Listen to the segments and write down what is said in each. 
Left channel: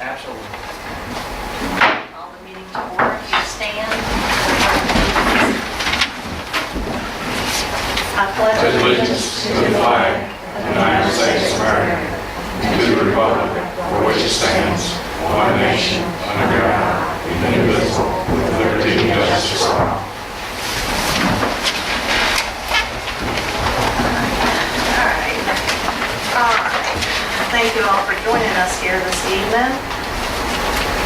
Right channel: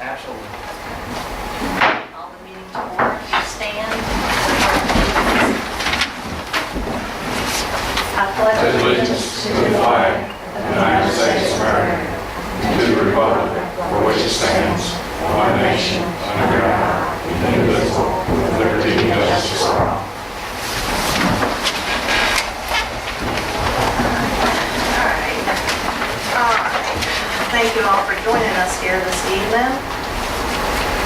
Absolutely. Call the meeting to order. Please stand. I pledge Allegiance to the flag of the United States of America and to the republic for which it stands, one nation, under God, indivisible, with liberty and justice for all. All right. Thank you all for joining us here this evening.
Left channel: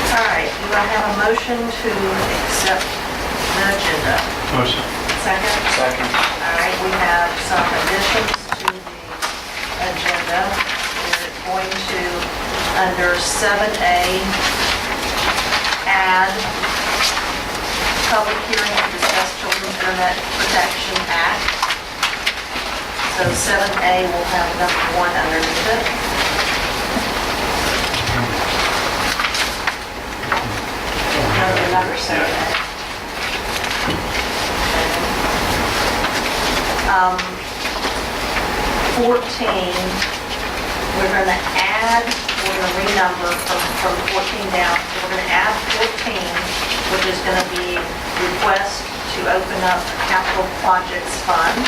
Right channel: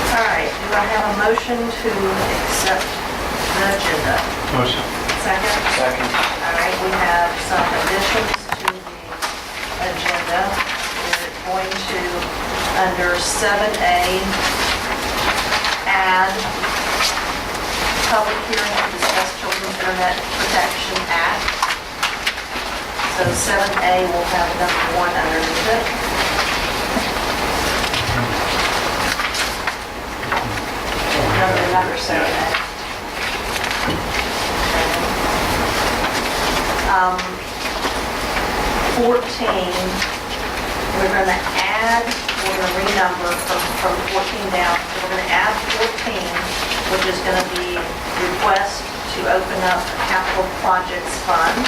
All right, do I have a motion to accept the agenda? Motion. Second? Second. All right, we have some additions to the agenda. We're going to, under 7A, add public hearing to discuss Children's Internet Protection Act. So 7A will have number 1 underneath it. Number 7A. 14, we're going to add, we're going to renumber from 14 down. We're going to add 14, which is going to be request to open up a capital projects fund.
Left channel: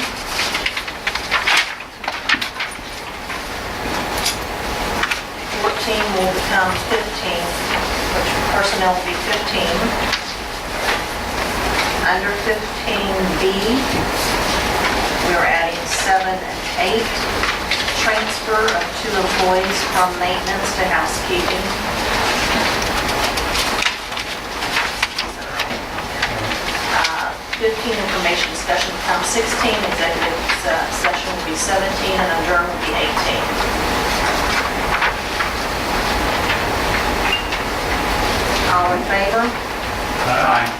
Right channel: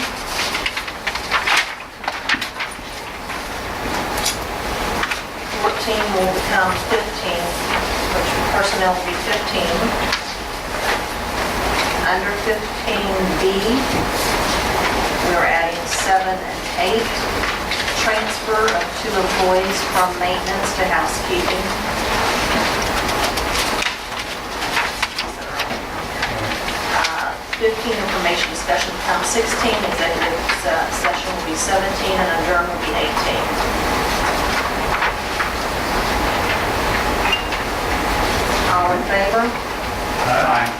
14 will become 15, which personnel will be 15. Under 15B, we're adding 7 and 8. Transfer of 2 employees from maintenance to housekeeping. 15, information discussion becomes 16. Executive session will be 17, and adjourn will be 18. All in favor? Aye.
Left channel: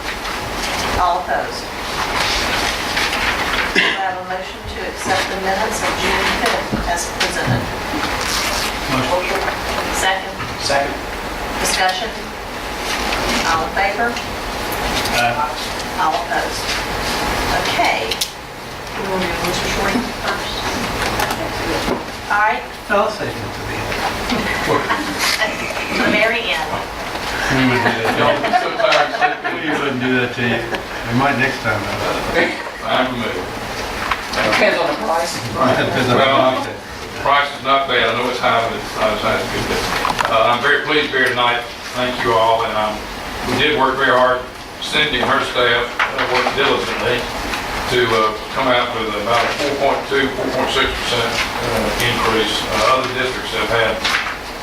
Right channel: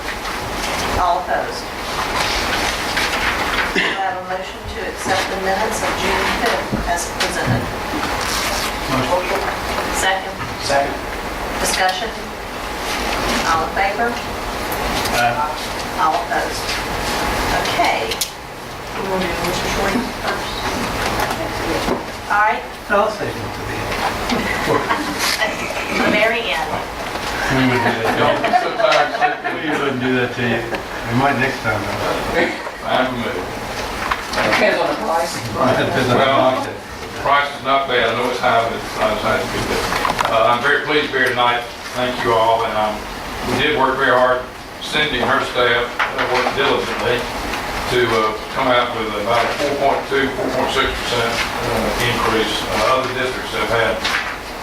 All opposed? I have a motion to accept the minutes of June 5th as presented. Motion. Second, Second. discussion. All in favor? Aye. All opposed? Okay. We will do Mr. Shorty first. All right, I'll say no to the end. the very end. We would do that. Y'all be so tired, We wouldn't do that to you. We might next time, though. I'm moved. Depends on the price. Depends on how much it- The price is not bad. I know it's high, but it's not as high as it could be. I'm very pleased to be here tonight. Thank you all. And we did work very hard. Cindy and her staff worked diligently to come out with about a 4.2, 4.6% increase. Other districts have had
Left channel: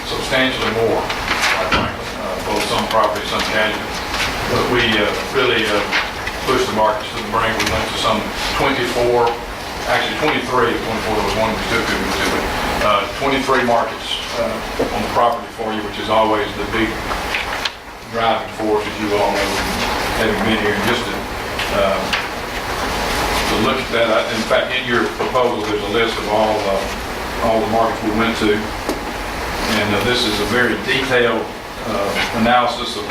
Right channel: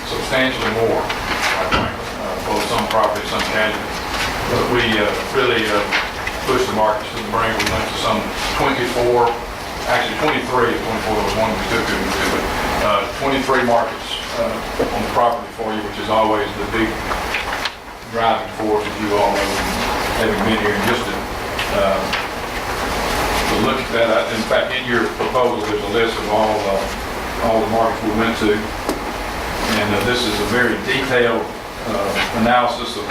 substantially more, quite frankly, both some property, some casualty. But we really pushed the markets to the brink. We went to some 24, actually 23, if 24 there was one we took, but 23 markets on the property for you, which is always the big driving force, as you all know, having been here. And just to look at that, in fact, in your proposal, there's a list of all the markets we went to. And this is a very detailed analysis of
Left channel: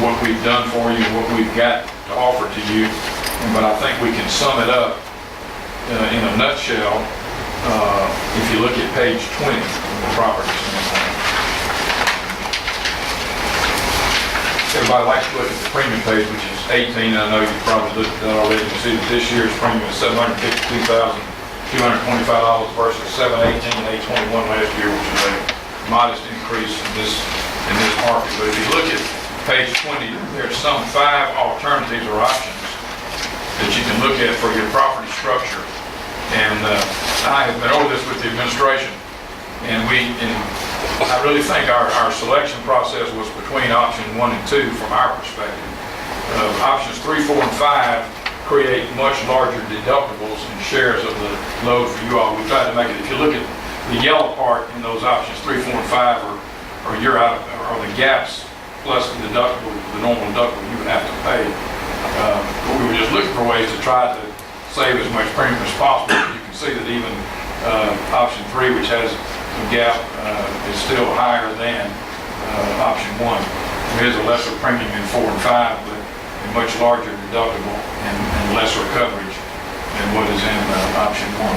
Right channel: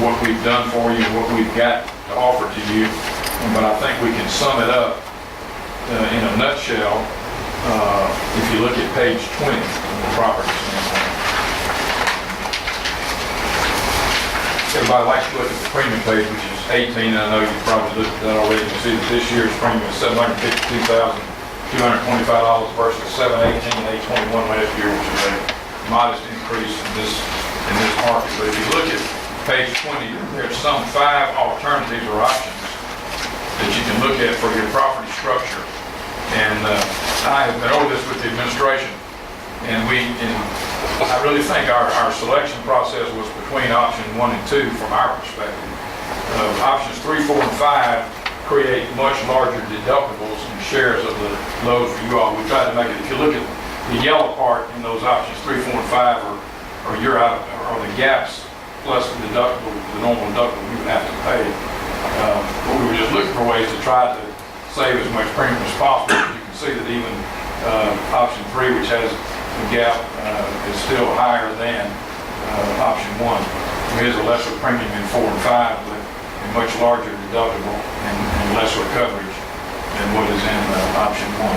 what we've done for you, what we've got to offer to you. But I think we can sum it up in a nutshell if you look at page 20 of the property standpoint. Everybody likes to look at the premium page, which is 18. I know you've probably looked at that already. You can see that this year's premium is $752,225 versus $718,821 last year, which is a modest increase in this market. But if you look at page 20, there's some 5 alternatives or options that you can look at for your property structure. And I have been over this with the administration, and I really think our selection process was between option 1 and 2 from our perspective. Options 3, 4, and 5 create much larger deductibles and shares of the load for you all. We tried to make it, if you look at the yellow part in those options 3, 4, and 5 are the gaps plus the deductible, the normal deductible you would have to pay. But we were just looking for ways to try to save as much premium as possible. You can see that even option 3, which has a gap, is still higher than option 1. There is a lesser premium in 4 and 5, but a much larger deductible and lesser coverage than what is in option 1.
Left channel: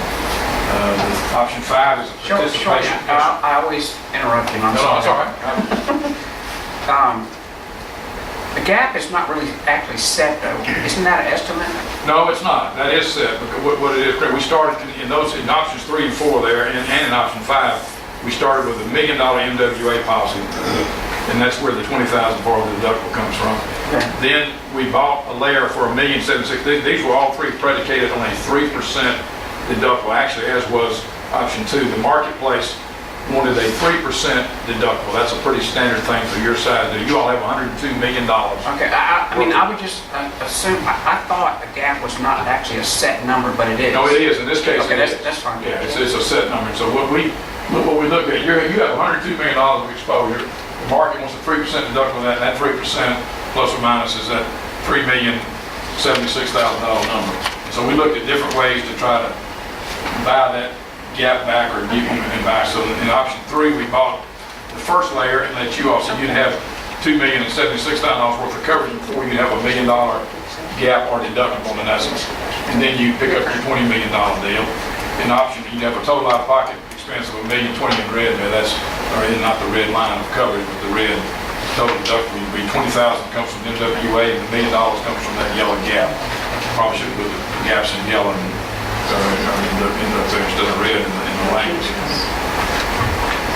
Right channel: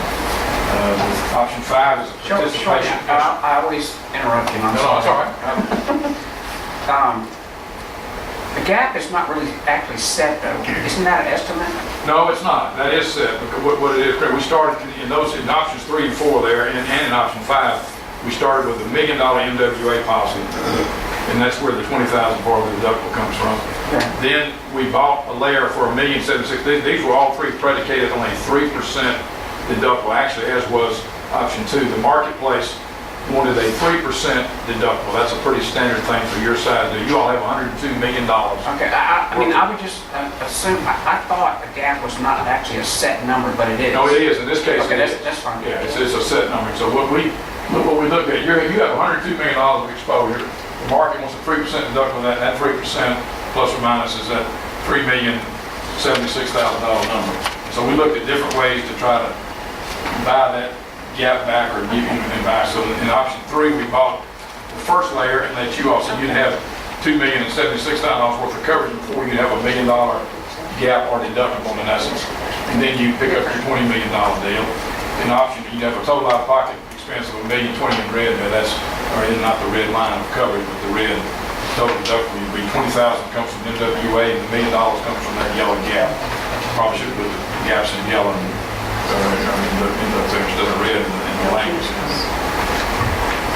Option 5 is a Sure, participation. I always interrupt you, I'm No, no, it's all sorry. right. The gap is not really actually set though. Isn't that an estimate? No, it's not. That is set, because what it is, we started in those, in options 3 and 4 there, and in option 5, we started with $1 million MWA policy, and that's where the 20,000 part of the deductible comes from. Okay. Then we bought a layer for $1,760,000. These were all three predicated on a 3% deductible, actually, as was option 2. The marketplace wanted a 3% deductible. That's a pretty standard thing for your size. You all have $102 million. Okay, I mean, I would just assume, I thought the gap was not actually a set number, but it is. No, it is. In this case, Okay, it is. that's fine. Yeah, it's a set number. So what we look at, you have $102 million of exposure. The market wants a 3% deductible on that, and that 3% plus or minus is that $3,076,000 number. So we looked at different ways to try to buy that gap back or give you anything back. So in option 3, we bought the first layer and let you off. So you'd have $2,076,000 worth of coverage before you'd have $1 million gap or deductible in essence. And then you pick up your $20 million deal. In option, you'd have a total out-of-pocket expense of $1,020,000 in red there. That's, or not the red line of coverage, but the red total deductible would be $20,000 comes from MWA and $1 million comes from that yellow gap. Probably should put the gaps in yellow and in the thing instead of red in the language.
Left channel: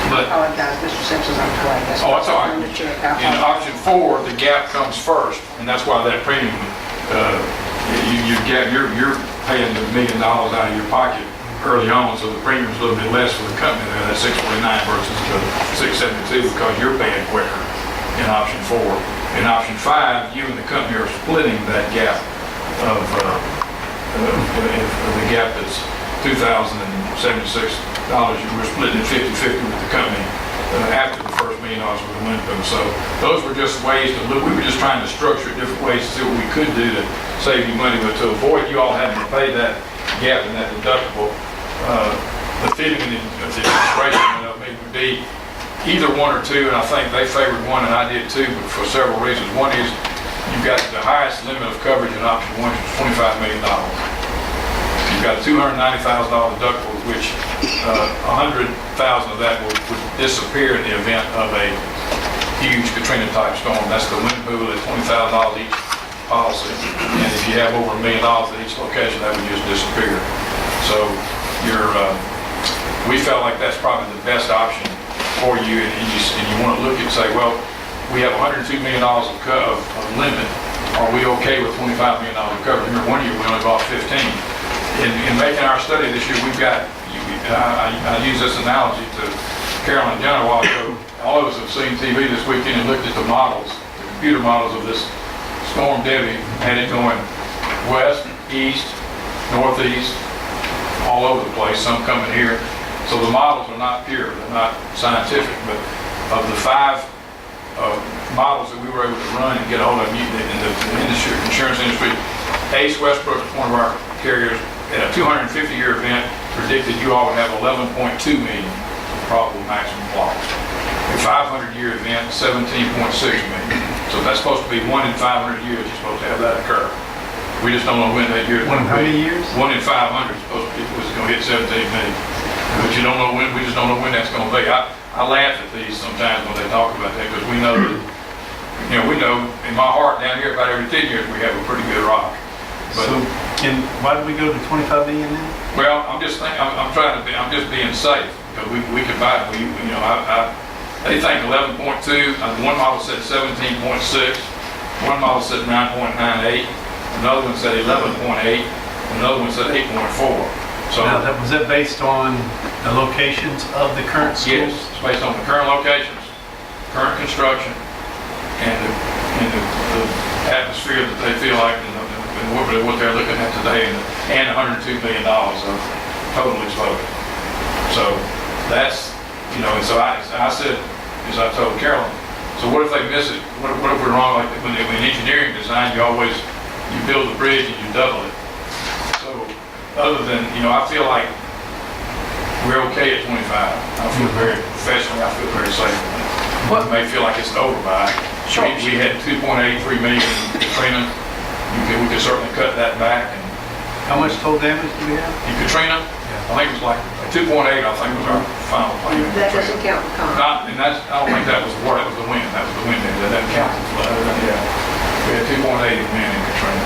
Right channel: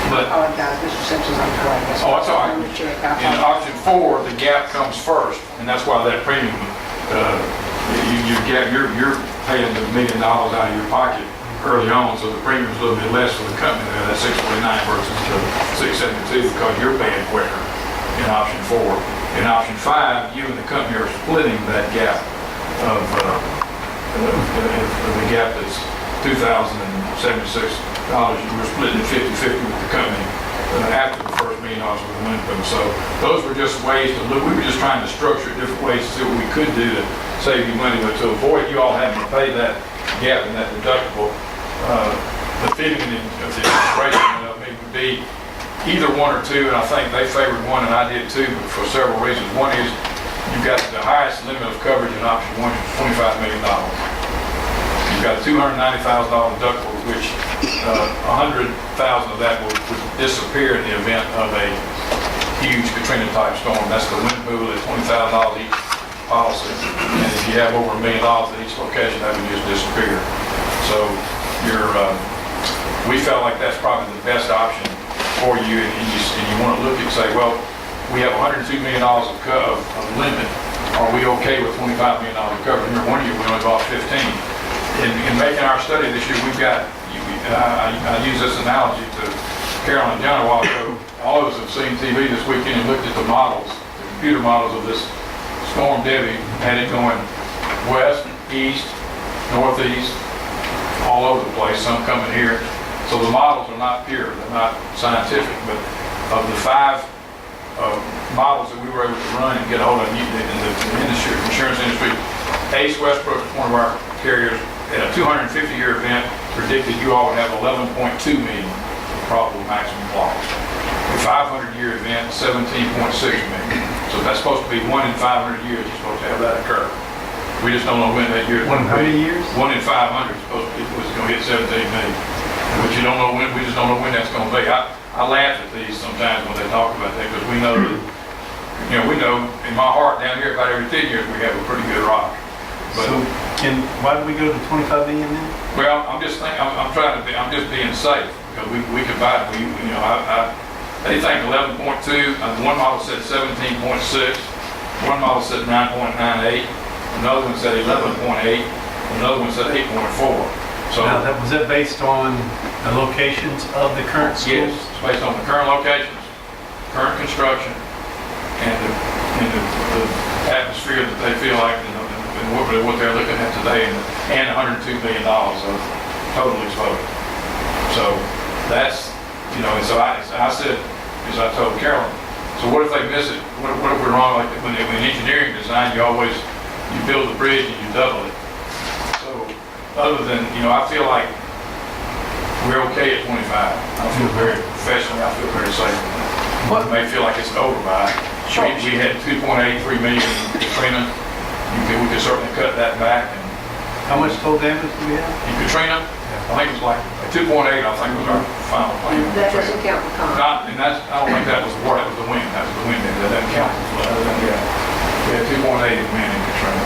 But I apologize, Mr. Simpson's on the way. oh, it's all right. I'm the chair. In option 4, the gap comes first, and that's why that premium, you're paying the $1 million out of your pocket early on, so the premium's a little bit less for the company there, that's $649 versus the $672 because you're paying quicker in option 4. In option 5, you and the company are splitting that gap of the gap that's $2,076. We're splitting it 50-50 with the company after the first $1 million with the Lincoln. So those were just ways to look. We were just trying to structure it different ways to see what we could do to save you money, but to avoid you all having to pay that gap and that deductible. The feeling of the administration of me would be either 1 or 2, and I think they favored 1 and I did too, but for several reasons. One is you've got the highest limit of coverage in option 1, which is $25 million. You've got a $290,000 deductible, which 100,000 of that would disappear in the event of a huge Katrina-type storm. That's the wind pool at $20,000 each policy, and if you have over $1 million at each location, that would just disappear. So we felt like that's probably the best option for you, and you want to look and say, well, we have $102 million of limit. Are we okay with $25 million of coverage? Remember, one year we only bought 15. In making our study this year, we've got, I use this analogy to Carolyn and John a while ago. All of us have seen TV this weekend and looked at the models, the computer models of this Storm Debbie, had it going west, east, northeast, all over the place, some coming here. So the models are not pure, they're not scientific, but of the 5 models that we were able to run and get a hold of in the insurance industry, Ace Westbrook is one of our carriers. At a 250-year event, predicted you all would have 11.2 million probable maximum loss. A 500-year event, 17.6 million. So that's supposed to be 1 in 500 years. You're supposed to have that occur. We just don't know when that year is. 1 in how many years? 1 in 500 is supposed to be, was going to hit 17 million. But you don't know when. We just don't know when that's going to be. I laugh at these sometimes when they talk about that because we know that, we know in my heart down here about every 10 years we have a pretty good rock. But, So, why did we go to 25 million then? well, I'm just being safe because we could buy it. They think 11.2. One model said 17.6. One model said 9.98. Another one said 11.8. Another one said 8.4. So Now, was that based on the locations of the current schools? yes, it's based on the current locations, current construction, and the atmosphere that they feel like and what they're looking at today, and $102 million of total exposure. So that's, and so I said, as I told Carolyn, so what if they miss it? What if we're wrong? Like when in engineering design, you build the bridge and you double it. So other than, I feel like we're okay at 25. I feel very professionally, I feel very safe. You may feel like it's an overbuy. Sure. We had 2.83 million in Katrina. We could certainly cut that back, and How much total damage do we have? In Katrina, I think it was like 2.8, I think was our final claim. in That Katrina. doesn't count the con. And that's, I don't think that was the water, that was the wind, that was the wind, that doesn't count the flood, yeah. We had 2.8 in wind in Katrina.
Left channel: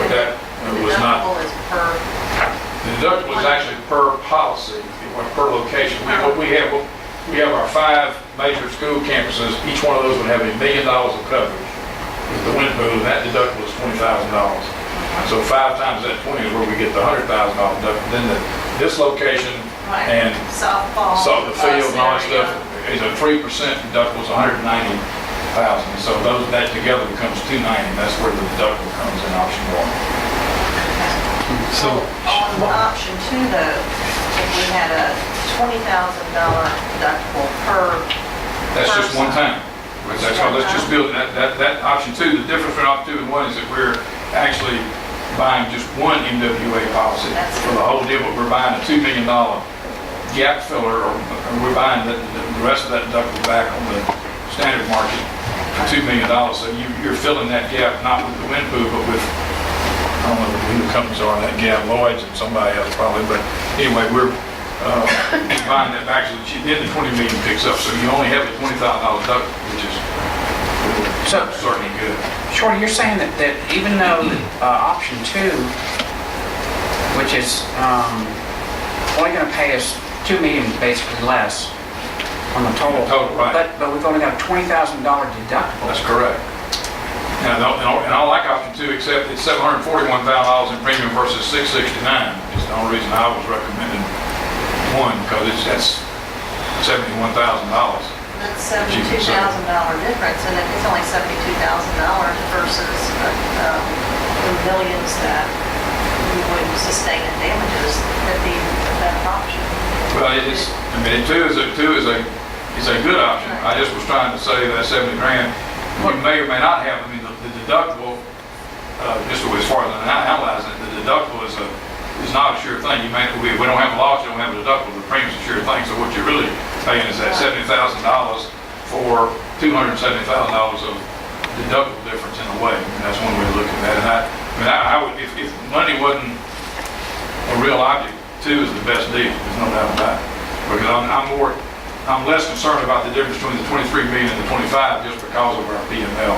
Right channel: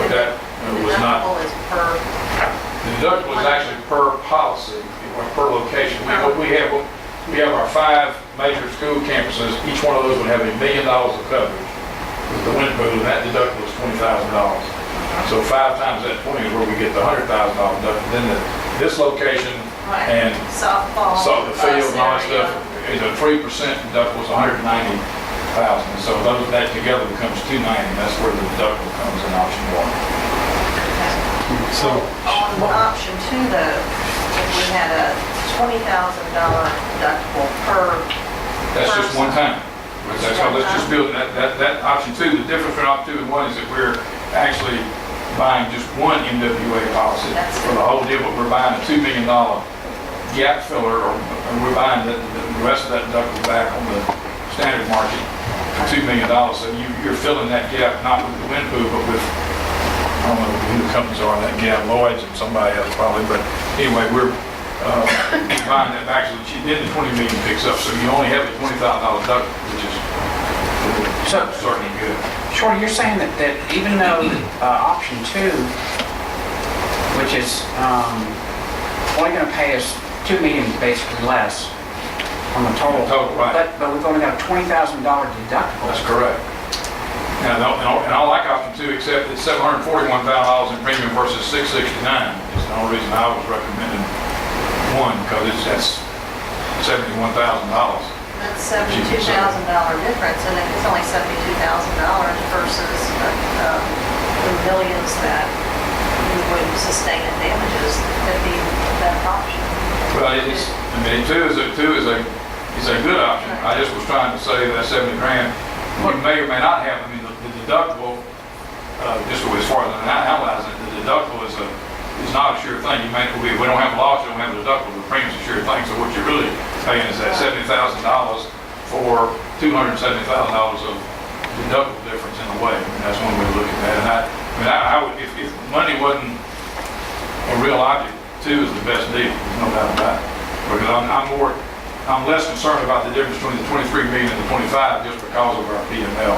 But that was not, Deductible is per, the deductible is actually per policy, it was per location. We have our 5 major school campuses, each one of those would have $1 million of coverage with the wind pool, and that deductible is $20,000. So 5 times that 20 is where we get the $100,000 deductible. Then this location right, and softball. so the field and all that bus area. stuff is a 3% deductible, is $190,000. So that together becomes $290,000. That's where the deductible comes in option 1. So, On option 2 though, if we had a $20,000 deductible per. That's just one person. time. That's how, let's just build it. That option 2, the difference between option 2 and 1 is that we're actually buying just one MWA policy That's for the whole deal, but we're buying a $2 million gap filler, or we're buying the rest of that deductible back on the standard market for $2 million. So you're filling that gap not with the wind pool, but with, I don't know who the companies are in that gap, Lloyd's and somebody else probably, but anyway, we're buying that back, so that then the 20 million picks up, so you only have a $20,000 deductible, which is So- certainly good. Shorty, you're saying that even though option 2, which is only going to pay us $2 million basically less on the total. Total, right. But we've only got a $20,000 deductible. That's correct. And I like option 2, except it's $741,000 in premium versus $669. It's the only reason I was recommending 1, because that's $71,000. That's $72,000 difference, and if it's only $72,000 versus the millions that we would sustain in damages, that'd be a better option. Well, it's, I mean, 2 is a good option. I just was trying to say that 70 grand, you may or may not have, I mean, the deductible, just as far as I analyze it, the deductible is not a sure thing. We don't have a loss, you don't have a deductible, the premium's a sure thing. So what you're really paying is that $70,000 for $270,000 of deductible difference in a way. I mean, that's one way to look at that. And I would, if money wasn't a real object, 2 is the best deal. There's no doubt about it. Because I'm less concerned about the difference between the 23 million and the 25 just because of our PML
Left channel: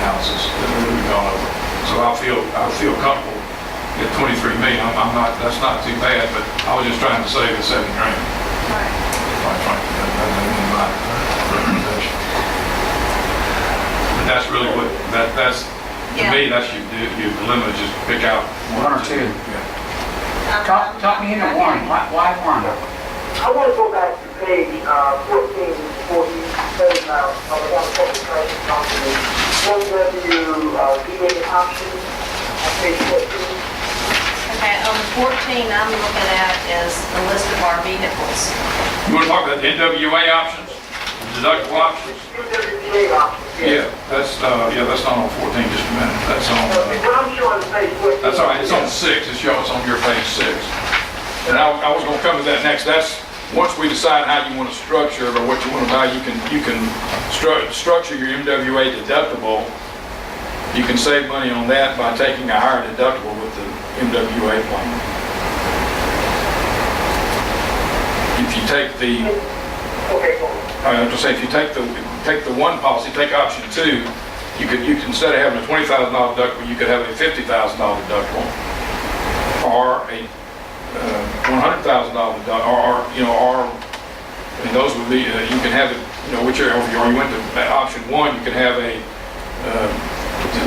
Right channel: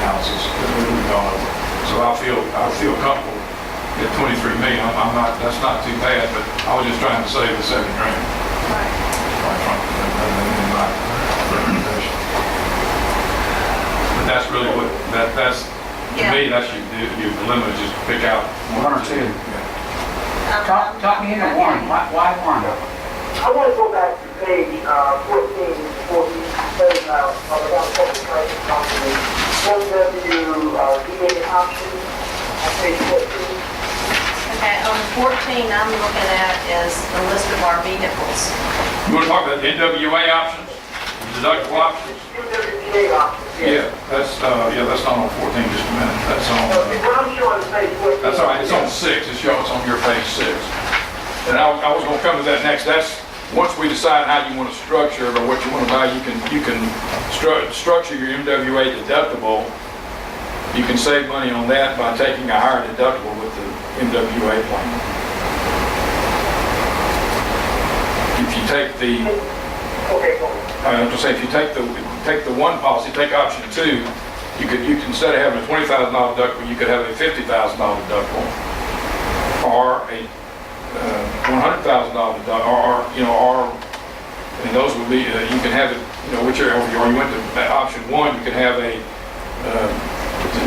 analysis that we've gone over. So I feel comfortable at 23 million. I'm not, that's not too bad, but I was just trying to save the 70 grand. Right. Quite frankly, that's in my recommendation. But that's really what, that's, to me, that's you limit, just pick out 1 or 2. Yeah. Talk me into 1. Why 1? I want to go back to page 14 before he says about public transit company. VA options on page 14. Okay, on 14, I'm looking at is the list of our vehicles. You want to talk about the NWA options, the deductible options? UWPA options. Yeah, that's not on 14, just a minute. That's on, What I'm showing is page 14. that's all right, it's on 6, it's on your page 6. And I was gonna come to that next. That's, once we decide how you want to structure it or what you want to buy, you can structure your MWA deductible. You can save money on that by taking a higher deductible with the MWA plan. If you take the, Okay, go on. I have to say, if you take the 1 policy, take option 2, you could instead of having a $20,000 deductible, you could have a $50,000 deductible, or a $100,000 deductible, or I mean, those would be, you can have it, whichever, or you went to option 1, you could have the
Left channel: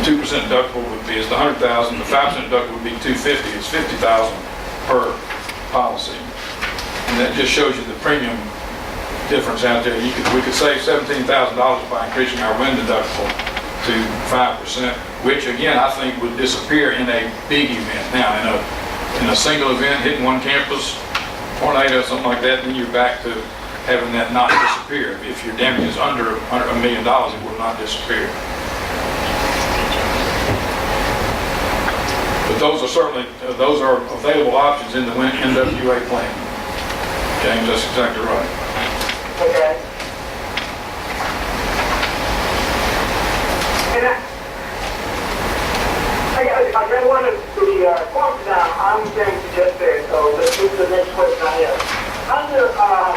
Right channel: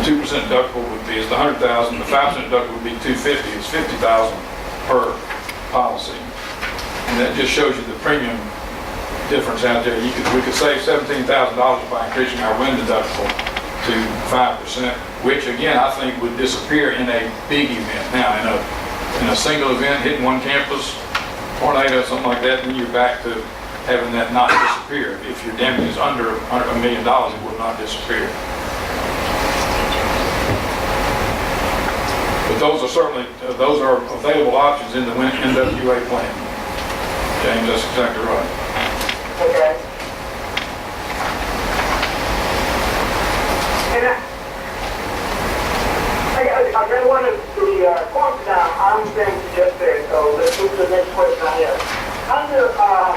2% deductible would be, it's the $100,000, the 5% deductible would be $250, it's $50,000 per policy. And that just shows you the premium difference out there. We could save $17,000 by increasing our wind deductible to 5%, which again, I think would disappear in a big event. Now, in a single event, hitting one campus, tornado, something like that, then you're back to having that not disappear. If your damage is under $1 million, it will not disappear. But those are certainly, those are available options in the NWA plan. James, that's exactly right. Okay. And I I just wanted the question down. I'm saying to just there, so let's move to the next question I have. Under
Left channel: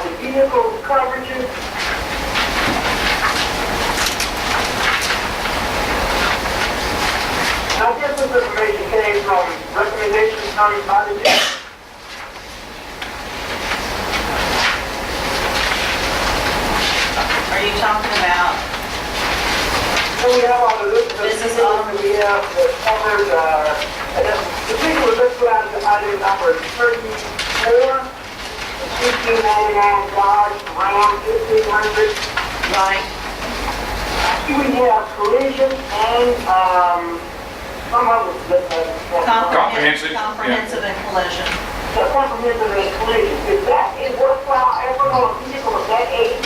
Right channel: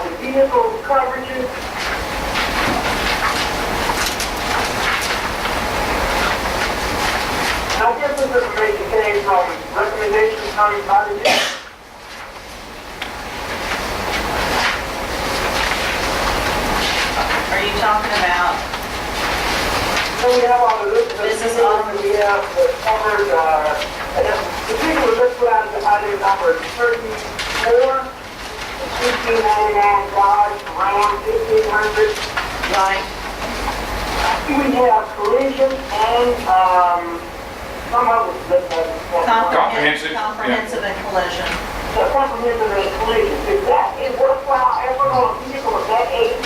the vehicle coverages, I guess this information came from recommendations coming by the chief. Are you talking about, So we have all the list of Business vehicles owner. that we have that covered, and then the vehicle list out to item number 34, 1699 Dodge Ram 1500. right, We have collision and, some other, Comprehensive, yeah. comprehensive and collision? the comprehensive and collision. Is that a worthwhile effort on a vehicle of that age?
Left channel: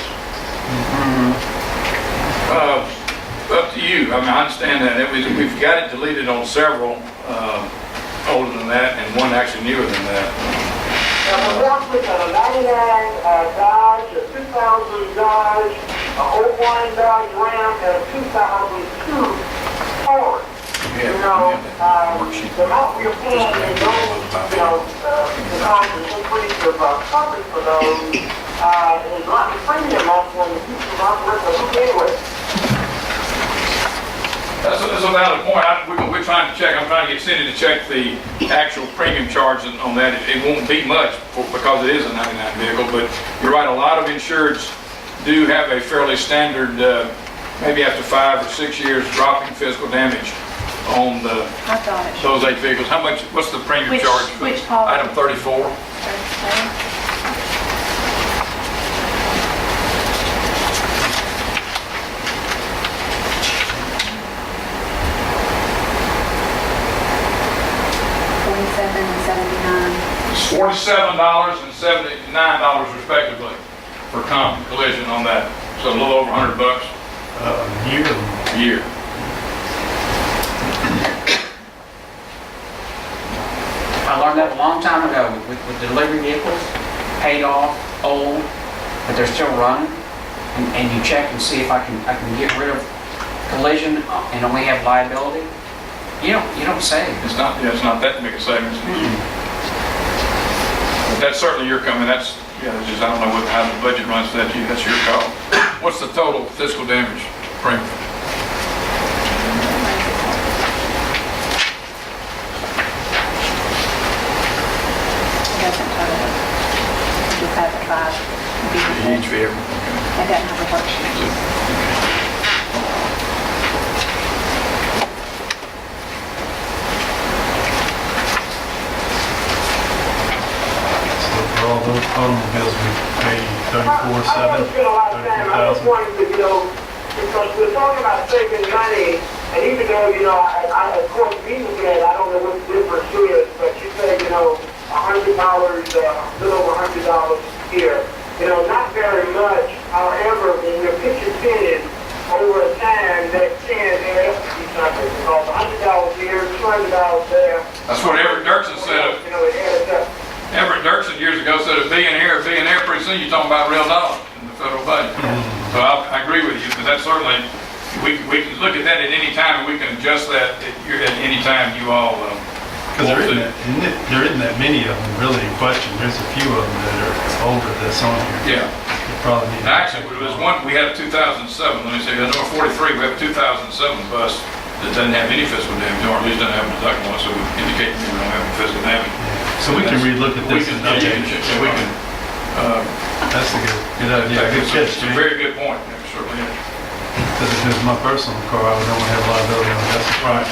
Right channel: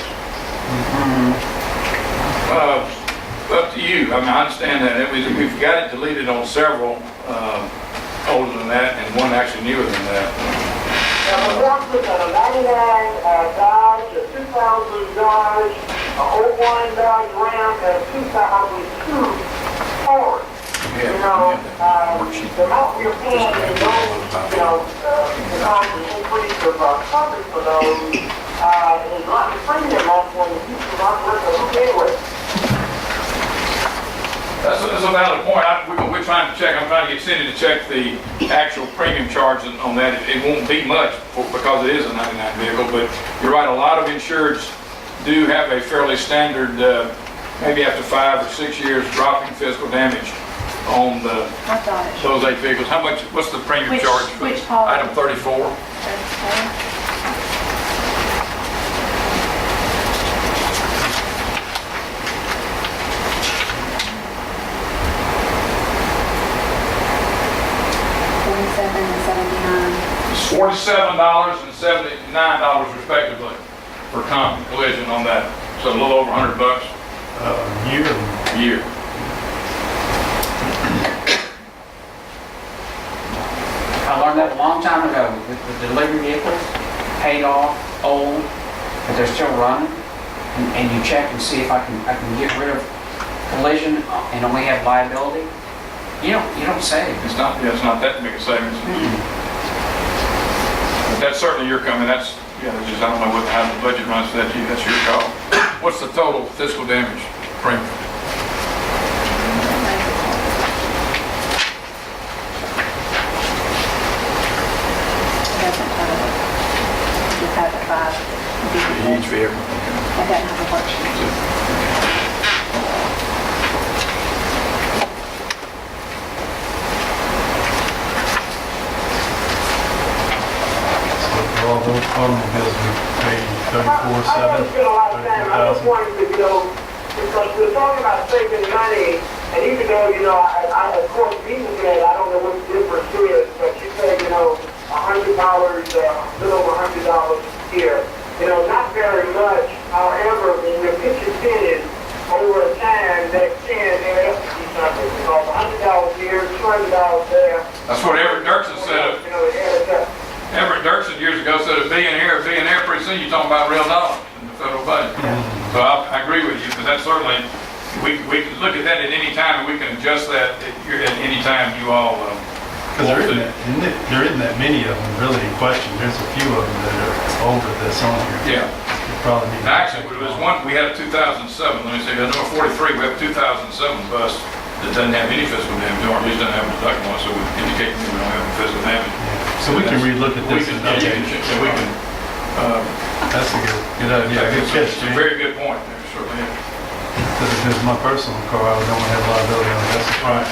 Up to you. I mean, I understand that. We've got it deleted on several, older than that, and one actually newer than that. Now, one was a 99 Dodge, a 2000 Dodge, a 01 Dodge Ram, and a 2002 Ford. You know, the amount we're paying in those, you know, because of the increase of coverage for those, is not the premium on the future market, so anyway. That's a valid point. We're trying to check, I'm trying to get Cindy to check the actual premium charge on that. It won't be much because it is a 99 vehicle, but you're right, a lot of insureds do have a fairly standard, maybe after 5 or 6 years, dropping physical damage on those 8 vehicles. How much, what's the premium Which- charge for which policy? item 34? It's $47 and $79 respectively for comp and collision on that. So a little over $100 Yearly. a year. I learned that a long time ago with delivery vehicles, paid off, old, but they're still running. And you check and see if I can get rid of collision and only have liability. You don't save. It's not that big a savings. But that's certainly your coming, that's, it's just, I don't know how the budget runs for that, that's your call. What's the total physical damage premium? Doesn't total it. Just has the 5 vehicles. Each vehicle, It doesn't have a worksheet. So for all those automobiles, we pay I don't 34,700, spend a lot of time, I just 34,000. wanted to, because we're talking about saving money, and even though, of course, me looking at it, I don't know what the difference is, but you say, $100, a little over $100 here. Not very much, however, when your picture tinted over a time, that can add up to be something, because $100 here, $200 there. That's what Everett Dirksen said. It adds up. Everett Dirksen years ago said a billionaire, pretty soon you're talking about real dollars in the federal budget. So I agree with you, but that's certainly, we can look at that at any time and we can adjust that at any time you all Because there isn't that many of them really in question. There's a few of them that are over that's on here. Yeah. You probably need. Actually, there was one, we had a 2007, let me see, number 43, we have a 2007 bus that doesn't have any physical damage, or at least doesn't have a deductible, so we indicate we don't have any physical damage. Yeah. So we can relook at this. and update it. We can, That's a good idea. Good catch, it's a Jay. very good point, it certainly is. Because if it was my personal car, I would only have liability on it. That's Right.